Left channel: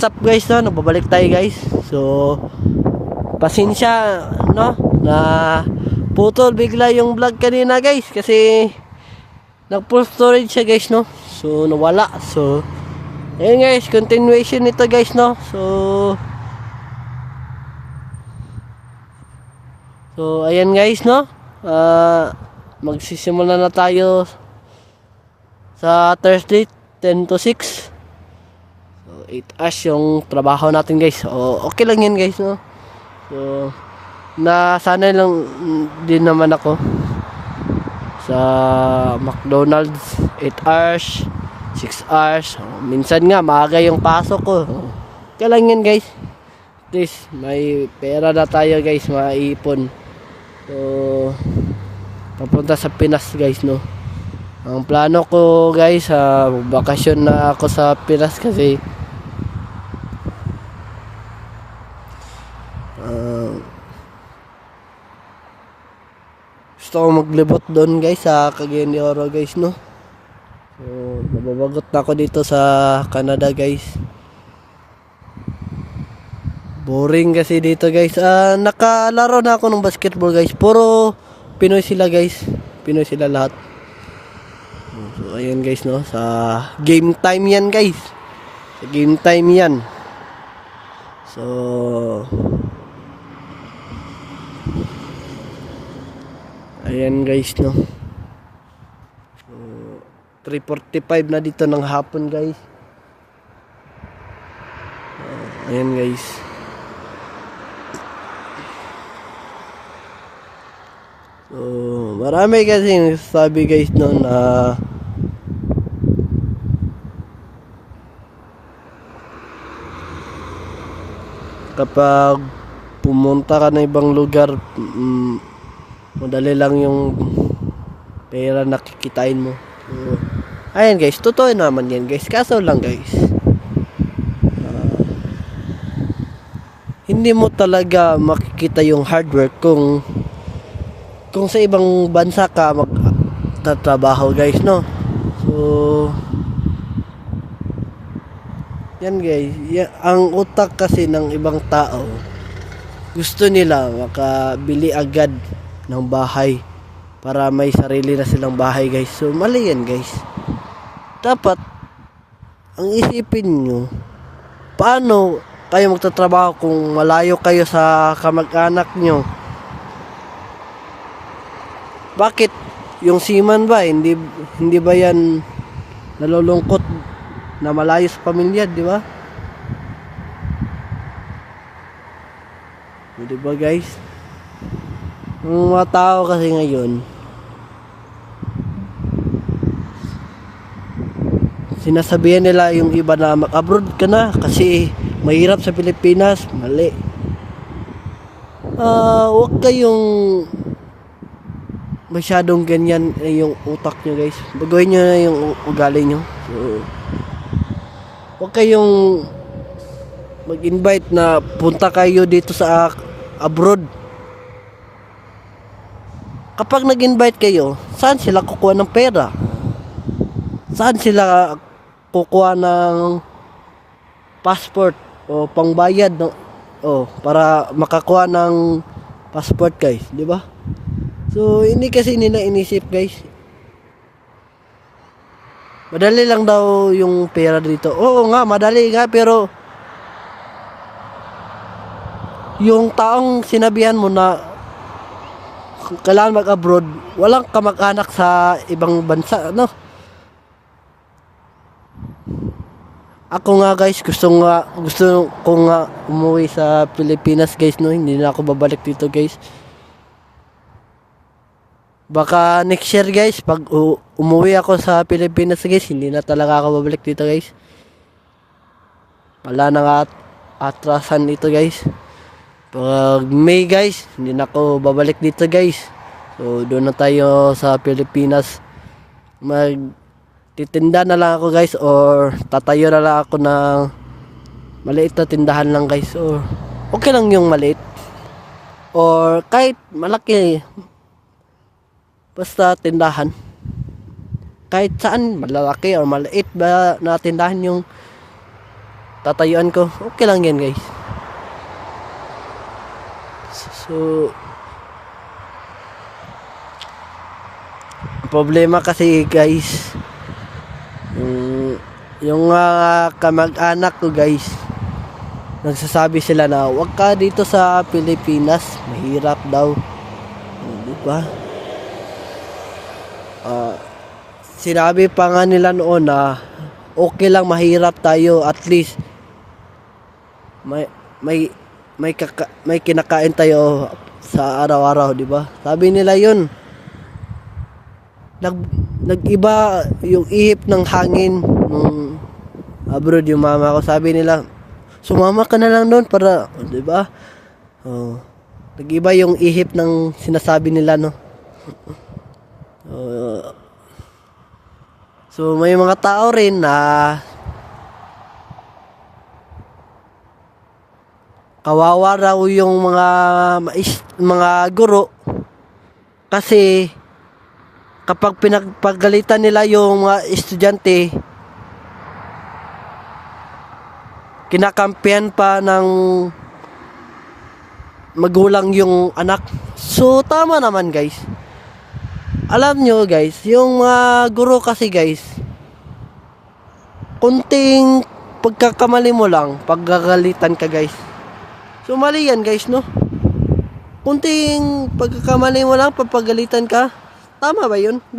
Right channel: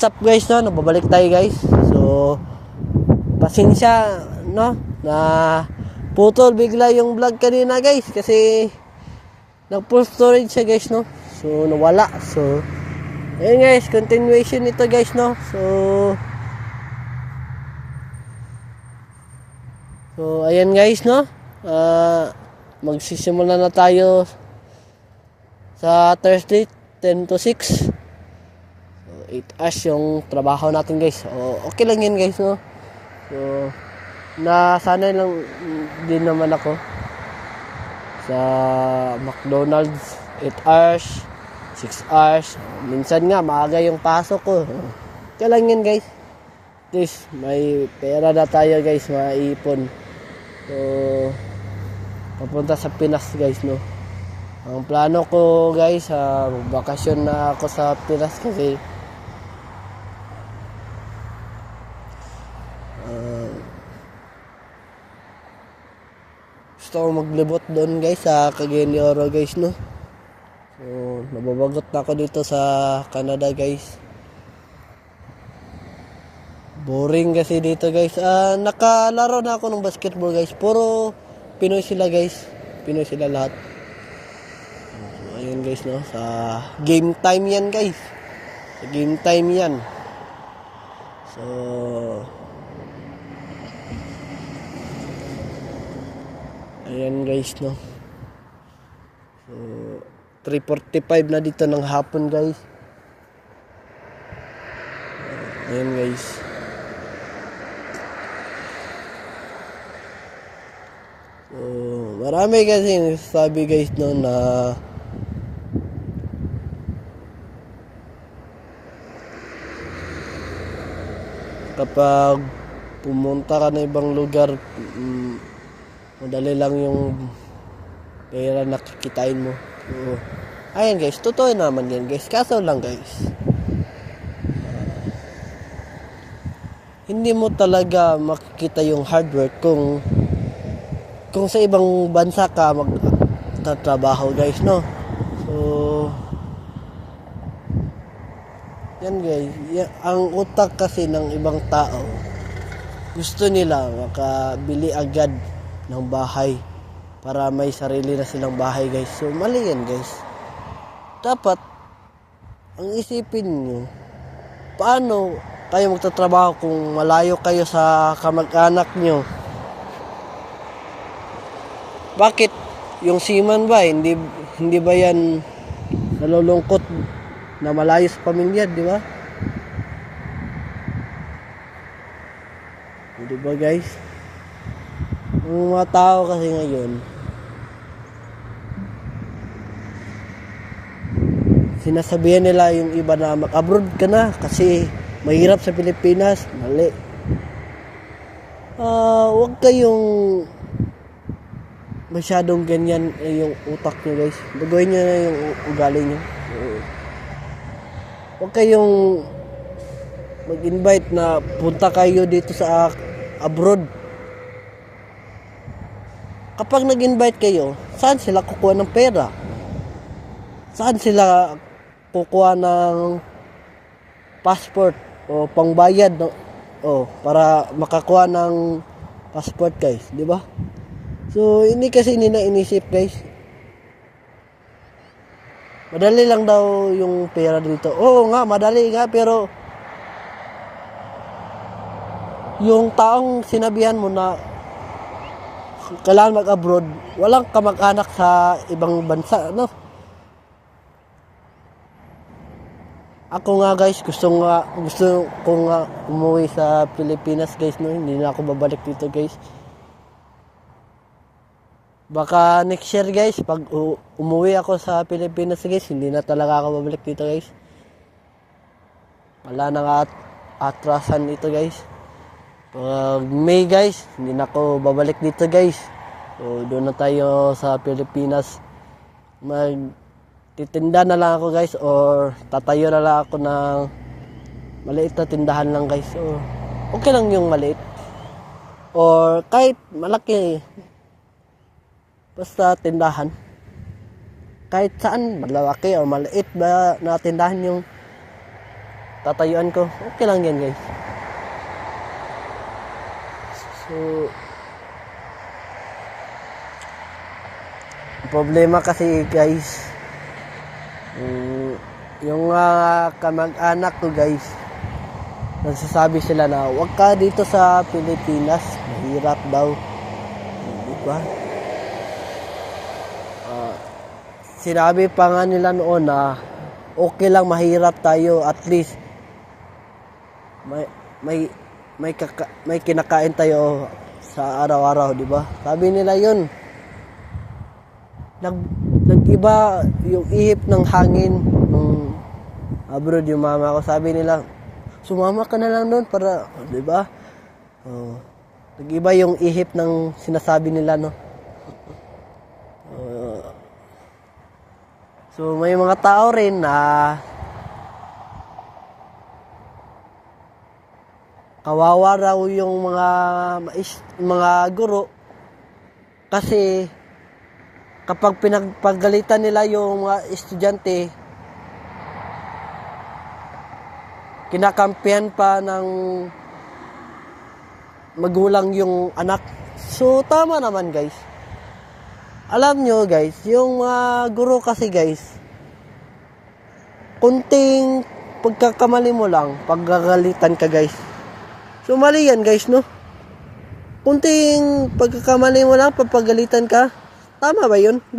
what's up guys, no? Nababalik tayo guys. So, pasensya, no? Na putol bigla yung vlog kanina guys. Kasi, nag-full storage siya guys, no? So, nawala. So, ayun guys, continuation nito guys, no? So, ayan guys, no? Magsisimula na tayo sa Thursday, 10 to 6. So, 8 hours yung trabaho natin guys. So, okay lang yan guys, no? So, nasanay lang din naman ako sa McDonald's. 8 hours, 6 hours. Minsan nga, maaga yung pasok ko. Okay lang yan guys. At least, may pera na tayo guys, maipon. So, papunta sa Pinas guys, no? Ang plano ko guys, bakasyon na ako sa Pinas kasi gusto ko maglibot doon guys sa Cagayan de Oro guys, no? So, nababagot na ako dito sa Canada guys. Boring kasi dito guys. Nakalaro na ako ng basketball guys. Puro Pinoy sila guys. Pinoy sila lahat. So, ayun guys, no? Sa game time yan guys. Sa game time yan. So, ayan guys, no? So, 3:45 na dito ng hapon guys. Ayan guys. So, marami kasi sabi guys, no, na kapag pumunta ka na ibang lugar, madali lang yung pera nakikitain mo. So, ayan guys, totoo naman yan guys. Kaso lang guys, hindi mo talaga makikita yung hard work kung sa ibang bansa ka magtatrabaho guys, no? So, yan guys, ang utak kasi ng ibang tao, gusto nila makabili agad ng bahay para may sarili na silang bahay guys. So, mali yan guys. Dapat, ang isipin nyo, paano kayo magtatrabaho kung malayo kayo sa kamag-anak nyo? Bakit yung seaman ba hindi ba yan nalulungkot na malayo sa pamilya, di ba? Di ba guys? Ang mga tao kasi ngayon, sinasabihan nila yung iba na mag-abroad ka na kasi mahirap sa Pilipinas. Mali. Huwag kayong masyadong ganyan yung utak nyo guys. Baguhin nyo na yung ugali nyo. So, huwag kayong mag-invite na punta kayo dito sa abroad. Kapag nag-invite kayo, saan sila kukuha ng pera? Saan sila kukuha ng passport o pangbayad para makakuha ng passport guys, di ba? So, hindi kasi nila inisip guys. Madali lang daw yung pera dito. Oo nga, madali nga, pero yung taong sinabihan mo na kailangan mag-abroad, walang kamag-anak sa ibang bansa, no? Ako nga guys, gusto ko nga umuwi sa Pilipinas guys, no? Hindi na ako babalik dito guys. Baka next year guys, pag umuwi ako sa Pilipinas guys, hindi na talaga ako babalik dito guys. Wala na nga atrasan ito guys. Pag May guys, hindi na ako babalik dito guys. So doon na tayo sa Pilipinas. Magtitinda na lang ako guys, or tatayo na lang ako ng maliit na tindahan lang guys. Or okay lang yung maliit, or kahit malaki, basta tindahan. Kahit saan, malalaki or maliit ba na tindahan yung tatayuan ko, okay lang yan guys. So, problema kasi guys, yung kamag-anak ko guys, nagsasabi sila na wag ka dito sa Pilipinas, mahirap daw. Diba? Sinabi pa nga nila noon na okay lang mahirap tayo, at least may kinakain tayo sa araw-araw, di ba? Sabi nila yun. Nag-iba yung ihip ng hangin nung abroad yung mama ko. Sabi nila, sumama ka na lang doon para, di ba? Nag-iba yung ihip ng sinasabi nila, no? So may mga tao rin na kawawa raw yung mga guro kasi kapag pinagpagalitan nila yung mga estudyante, kinakampihan pa ng magulang yung anak. So tama naman guys. Alam nyo guys, yung mga guro kasi guys, kunting pagkakamali mo lang, paggagalitan ka guys. So mali yan guys, no? Kunting pagkakamali mo lang, papagalitan ka. Tama ba yun? Di ba?